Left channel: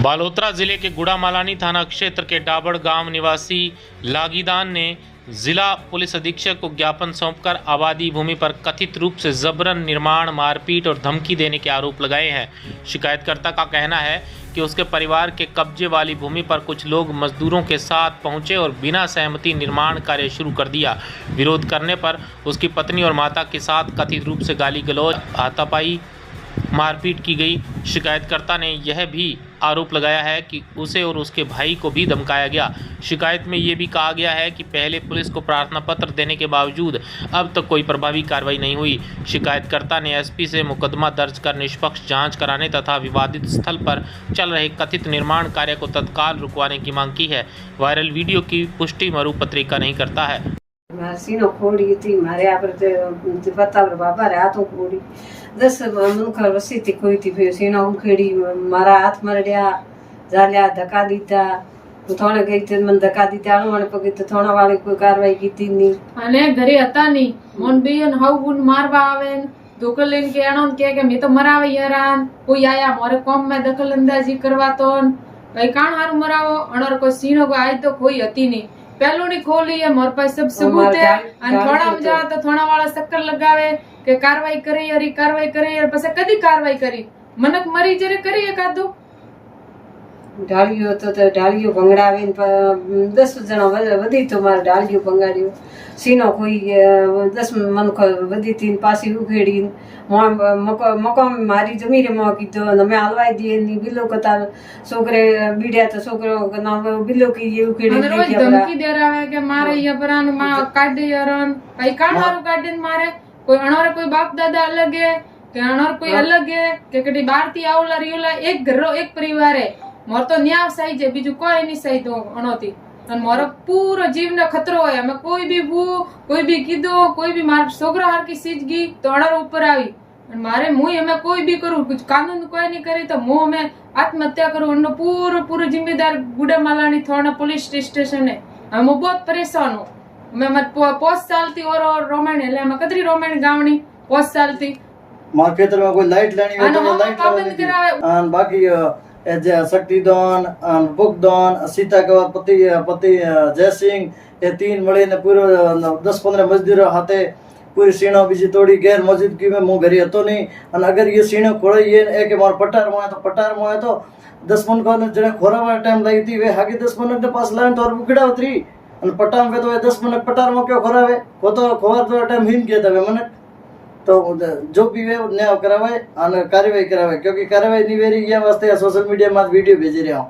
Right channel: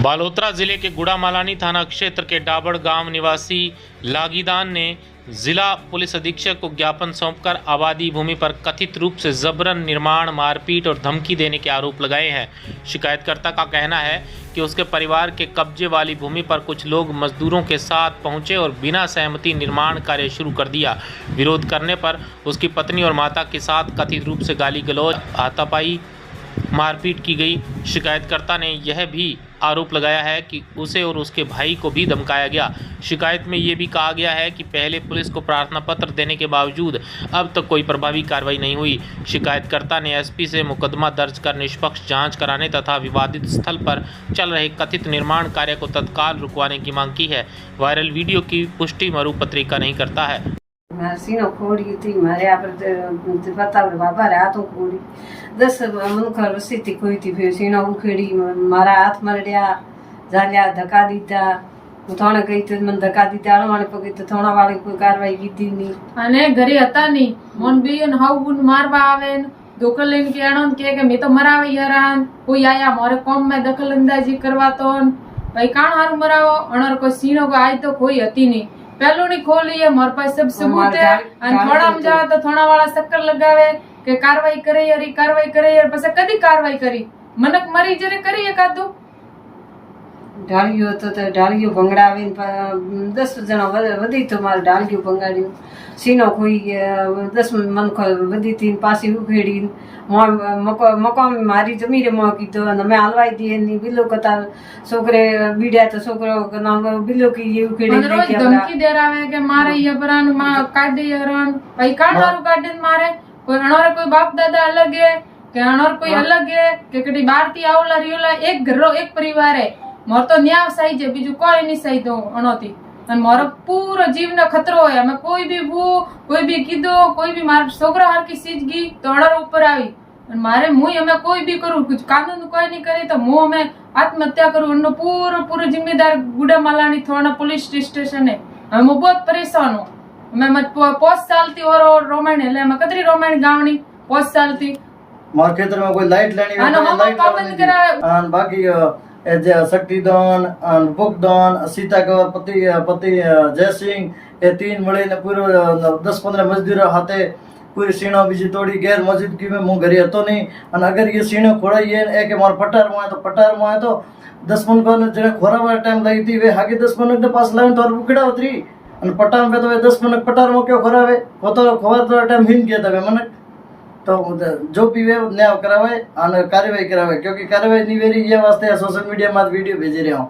बालोतरा जिले के गुड़ामालानी थाना क्षेत्र के डाबड़ गांव निवासी लागीदान ने जिला पुलिस अधीक्षक को ज्ञापन सौंपकर आबादी भूमि पर कथित रूप से जबरन निर्माण, मारपीट और धमकी देने के आरोप लगाए हैं। शिकायतकर्ता का कहना है कि उसके परिवार के कब्जे वाली भूमि पर कुछ लोग मजदूरों के साथ पहुंचे और बिना सहमति निर्माण कार्य शुरू कर दिया। विरोध करने पर उसकी पत्नी और माता के साथ कथित रूप से गाली गलौज, हाथापाई, मारपीट की गई। शिकायतकर्ता ने यह भी आरोप लगाया है कि उसे और उसके भाई को भी धमकाया गया। शिकायत में ये भी कहा गया है कि पहले पुलिस को प्रार्थना पत्र देने के बावजूद अब तक कोई प्रभावी कार्रवाई नहीं हुई। शिकायतकर्ता ने एसपी से मुकदमा दर्ज कर निष्पक्ष जांच कराने तथा विवादित स्थल पर चल रहे कथित निर्माण कार्य को तत्काल रुकवाने की मांग की है। वायरल वीडियो की पुष्टि मरू पत्रिका नहीं करता है। सीनो खोड़ी थी मारे आप पता बाबा रे हाथों खोड़ी 10 मनुखा रसी थी कोई थी फिर सीनो उखेड़ी मारा हाथ मरड्या जाल्या धक्का दीता थोड़ा गई तो मन धक्का दीता आने पगे तो थोड़ा वाली कोई कार्रवाई की थी नहीं अने घरे हता नहीं मन बीन हाउ बुन मारवा आवेन दखल लेन के आणो के मैं तो मरावे यारान कोई आया मोरे कॉम में दखल अंदाजी करवा तो भाई काण हार मरावो अनर को सीनो को आज तो कोई हती नहीं पहलू नहीं खोली है मोर पास सब सबूत है अन थोड़ा में जावा तो थोड़ा वाला चक्कर लगावे के कार्रवाई करे यार कार्रवाई करे यार पसे कदी कार्रवाई करी मनक मरी जरे करी एकादो डालियो तो डालियो भंगड़ावे 10 जना वधी तो मारे डालियो भंगाड़ियो सीनो कोई 10 मनखो वधी तीन पासी उखेड़ी मको मारी जमी रे मो कीधो न मैं हलवाई दी नी बिलो कतार छोकरे बीड़िया तो छोकरो ना बिलो की ये उखेड़ी रोज धमकी दे रहा है कि मारे ये परान मां काट दे यारन भाई काट मारू काट दे मारे कोई अनोरे कोई बाप दादा अलग है के अनोर कोई अलग है के कटी बारती आवला रियोला एक घरो एक परिवार है मोर तो न्याय सही जे बीजू कोई नहीं सही दो अनोती अन मोर पूरा जीव न खतरो है मैं कोई भी वो कोई भी कीधो कोई भी मार छोकरा हर की चीज गी तो अनर ऊपर आई मारे मुंह हमें कोई भी करूँ कुछ कानून कोई नहीं करे तो मुंह में आत्महत्या करूँ उन पूरा जिम्मेदार गुड़ामालानी थोड़ा पुलिस स्टेशन है हम बहुत परेशान हो मैं पोस्ट सालती और रोमायण है मैं कतरी रोमायण गावनी पोस्ट सालती मार खेतर में कोई लाइट लेनी हो तो लाइट पाबंद करा और बाकी शक्तिदान बुकदान सीता का पति जय सिंह ये 3 मळे ने पूरो 10-15 मजदूर हाथे पूरी सीणो बीजी तोड़ी गैर मौजूदगी में मुंह घरे हतो नहीं और अगर ये सीणो खोड़ाई है एक मार पटार में तो 10 मन को जने खोरावा टाइम लगी थी वे हागे 10 मन के पास लाइन तो और बुकड़ा उतरी और पटार में तो 10 मन पटार में क्यों खोरावे वो तो खोवा तो टाइम हिन गया था वे मन तो जो भी वे न्याय करावे और कार्रवाई करावे क्योंकि कार्रवाई नहीं वेरी ये वास्ते सोशल मीडिया में वीडियो भेज रहा हूँ